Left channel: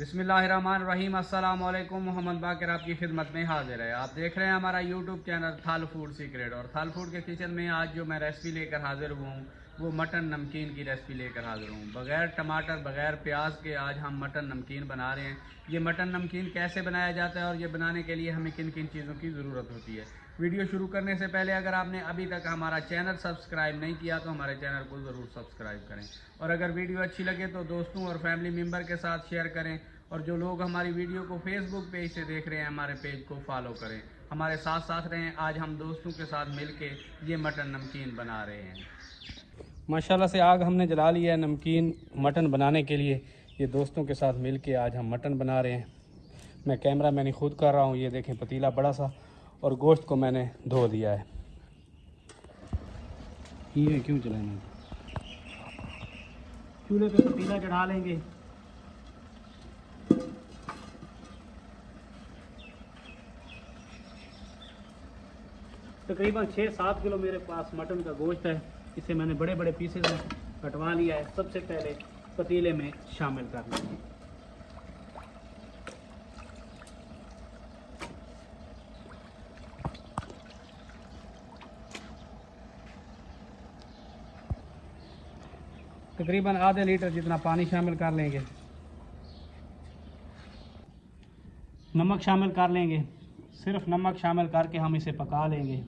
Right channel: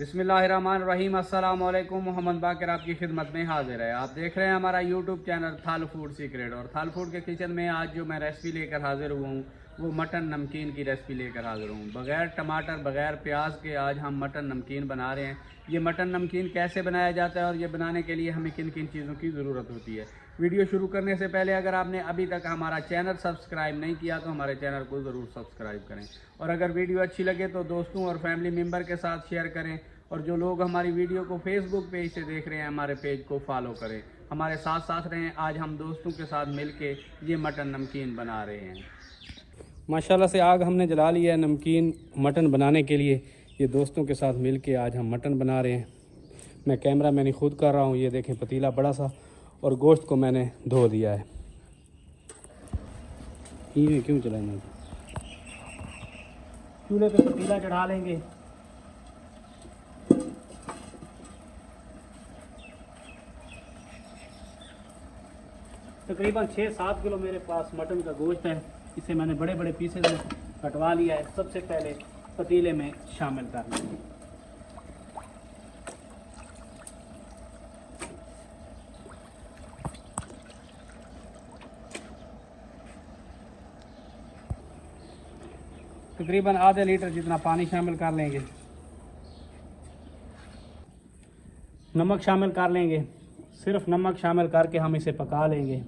बिस्मिल्लाहिर्रहमानिर्रहीम। अस्सलाम वालेकुम। मोहम्मद बाकर आपकी खिदमत में हाजिर है। आप देख रहे हैं हमारा यूट्यूब चैनल थाल फूड सीक्रेट। और थाल फूड के किचन में आज जो मैं रेसिपी लेकर हाजिर हुआ हूँ वो मटन नमकीन की रेसिपी लेकर हाजिर हूँ। बग़ैर टमाटर बग़ैर प्याज के आज हम मटन नमकीन बना रहे हैं। ये मटन नमकीन कैसे बनाया जाता है और ये बनाने के लिए हमें किन किन चीज़ों की ज़रूरत होती है। वीडियो शुरू करने से पहले अगर आपने अभी तक हमारा चैनल सब्सक्राइब नहीं किया तो हमारे चैनल को ज़रूर सब्सक्राइब करें। और अगर वीडियो अच्छी लगे तो दोस्तों और फैमिली मेम्बर के साथ शेयर करें। और जो लोग हमारी वीडियो को फेसबुक पेज से देख रहे हैं हमारे पेज को फॉलो करें, हमारे साथ साथ रहें। आज हम दोस्तों के साथ मिलके ये मटन नमकीन बना रहे हैं। माशाल्लाह से आग हमने जला लिया है नमकीन मटन बनाने के लिए। ये दोस्तों के साथ मिलके आज हम मटन बना रहे हैं। मैं कैमरा मैंने खुद कर रहा हूँ। ये देखें पतीला बड़ा सा और गोश्त को मैंने धो दिया है। ये क्यों चलाएंगे, चूल्हे पे पतीला चढ़ा लेंगे। तकरीबन 6-7 किलो मेरे पास मटन का गोश्त है। इसे मैंने बड़े बड़े पीसेज में कटवा लिया है। सबसे पहले पतीले में शामिल कर लेंगे। तकरीबन आधे लीटर जितना पानी शामिल कर लेंगे। नमक शामिल कर लेंगे। सिर्फ नमक शामिल करके हम इसे पका लेंगे।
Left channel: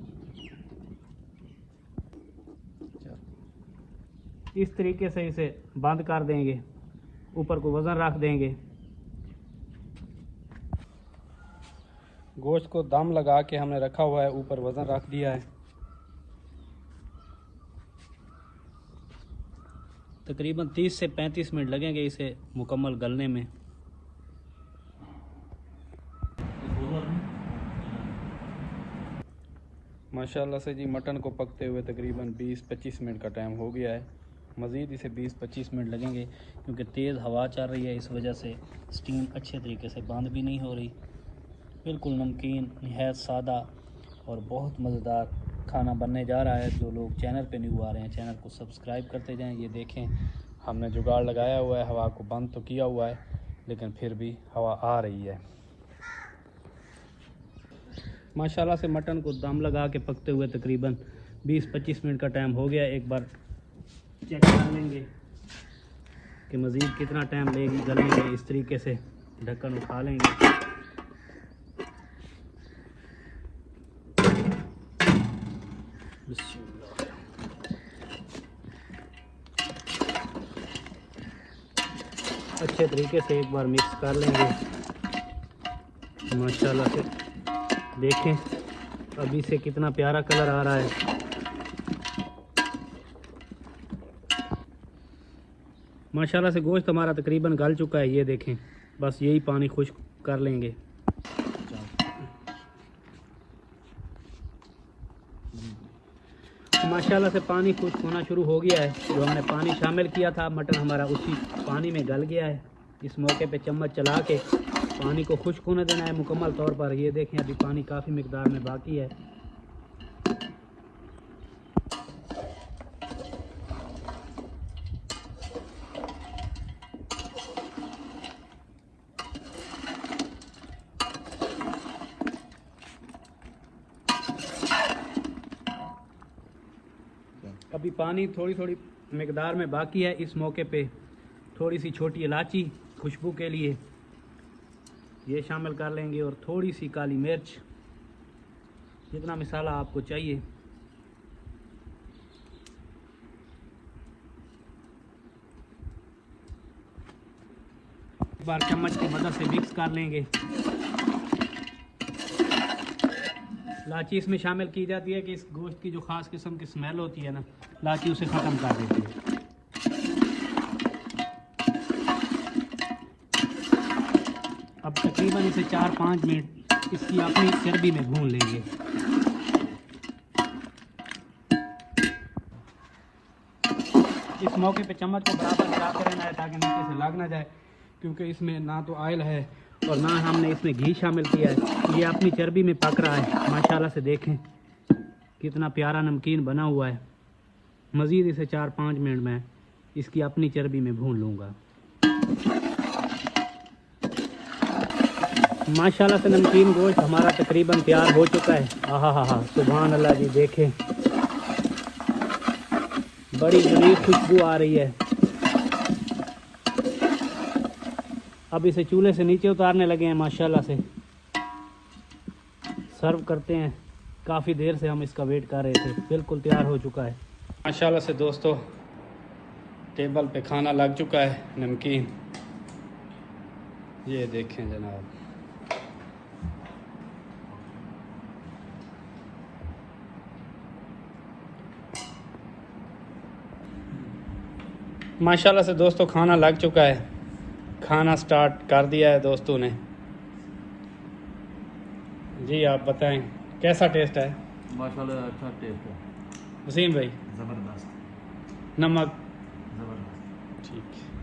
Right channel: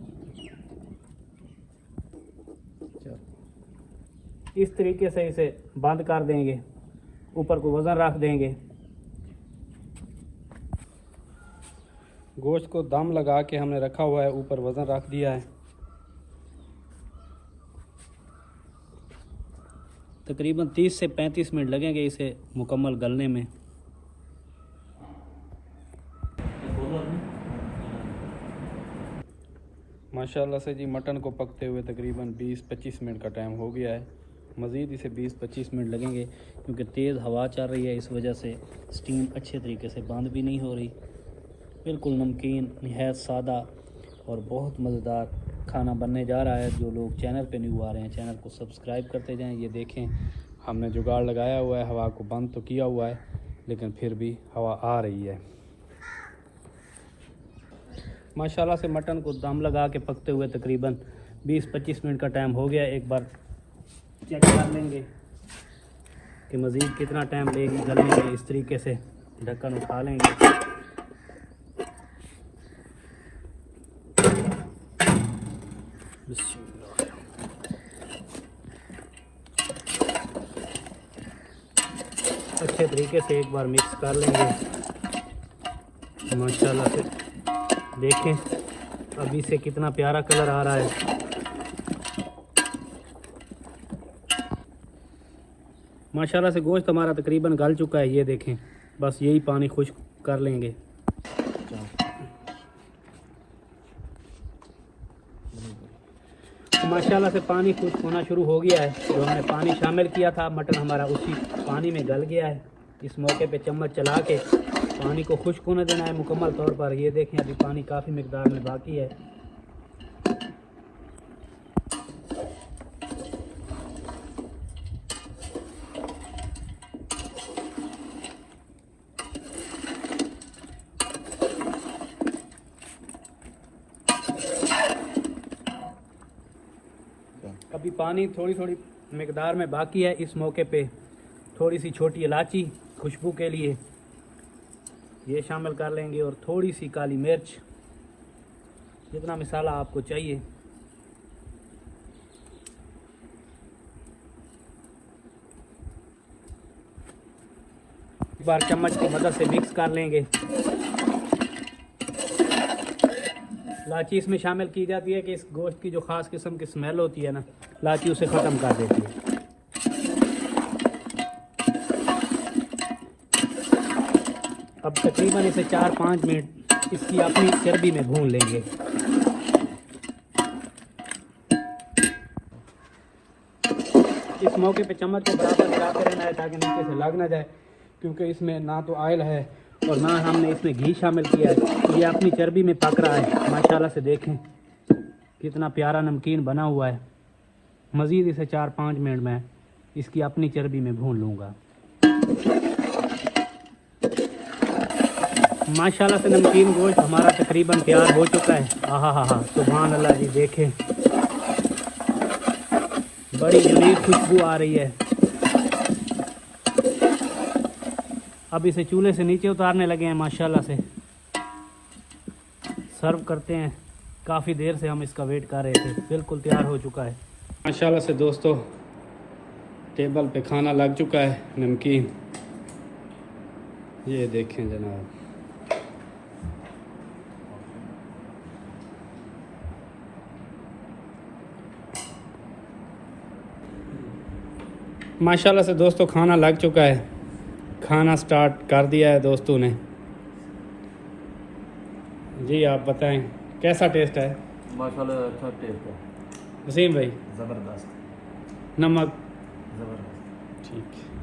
इस तरीके से इसे बंद कर देंगे। ऊपर को वज़न रख देंगे। गोश्त को दम लगा के हमने रखा हुआ है, ऊपर वज़न रख दिया है। तकरीबन 30 से 35 मिनट लगेंगे इसे मुकम्मल गलने में। माशाल्लाह से जी मटन को पकते हुए तकरीबन 20-25 मिनट का टाइम हो गया है। मज़ीद इसे 20-25 मिनट लगेंगे क्योंकि तेज़ हवा चल रही है। इस वजह से स्टीम अच्छे तरीके से बंद भी नहीं हो रही। बिल्कुल नमकीन नहायत सादा और बहुत मज़ेदार खाना बनने जा रहा है। जो लोग चैनल पे न्यू आ रहे हैं चैनल को सब्सक्राइब करते जाएं। ये देखें हमने जुगाड़ लगाया हुआ है। हवा को बंद तो किया हुआ है लेकिन फिर भी हवा आ रही है। माशाल्लाह से मटन को दम लगा के पकते हुए तकरीबन 20-25 मिनट का टाइम हो गया। एक बार चेक कर लेंगे कि मज़ीद कितना टाइम लेगी गलने में। इस तरीके से ढक्कन उठा लेंगे। अच्छे तरीके से एक बार मिक्स कर लेंगे। माशाल्लाह से देखें अभी से कितना प्यारा कलर आ रहा है। माशाल्लाह से गोश्त हमारा तकरीबन गल चुका है। ये देखें बस यही पानी खुश्क कर लेंगे। माशाल्लाह से पानी खुश्क होना शुरू हो गया है। जो हमने पानी शामिल किया था मटन हमारा उसी पानी में गल गया है। इस मौके पे चम्मच चला के पानी को खुश्क होने देना है मुकम्मल तौर पर। ये देखें अभी पानी काफ़ी मिकदार में बाकी है। अभी पानी थोड़ी थोड़ी मिकदार में बाकी है। इस मौके पे थोड़ी सी छोटी इलायची खुशबू के लिए ये शामिल कर लेंगे और थोड़ी सी काली मिर्च, जितना मसाला आपको चाहिए। एक बार चम्मच की मदद से मिक्स कर लेंगे। इलायची इसमें शामिल की जाती है कि इस गोश्त की जो ख़ास किस्म की स्मेल होती है ना, इलायची उसे ख़त्म कर देती है। अब तकरीबन इसे 4-5 मिनट इसकी अपनी चर्बी में भून लेंगे। इस मौके पे चम्मच को बराबर मिलाते रहना है ताकि नीचे से लग ना जाए, क्योंकि इसमें ना तो ऑयल है और ना हमने इसमें घी शामिल किया है। ये अपनी चर्बी में पक रहा है। माशाल्लाह से देखें कितना प्यारा नमकीन बना हुआ है। मज़ीद इसे 4-5 मिनट में इसकी अपनी चर्बी में भून लूँगा। माशाल्लाह से नमकीन गोश्त हमारा तकरीबन तैयार हो चुका है। हाँ हाँ हाँ, सुभान अल्लाह जी, देखें बड़ी बड़ी खुशबू आ रही है। अब इसे चूल्हे से नीचे उतारने लगे हैं माशाल्लाह से, सर्व करते हैं। काफ़ी देर से हम इसका वेट कर रहे थे, बिल्कुल तैयार हो चुका है माशाल्लाह से दोस्तों। टेबल पे खाना लग चुका है, नमकीन ये देखें जनाब। माशाल्लाह से दोस्तों खाना लग चुका है, खाना स्टार्ट कर दिया है दोस्तों ने। जी आप बताएं कैसा टेस्ट है? माशाल्लाह अच्छा टेस्ट है। वसीम भाई? ज़बरदस्त। नमक? ज़बरदस्त। ठीक है।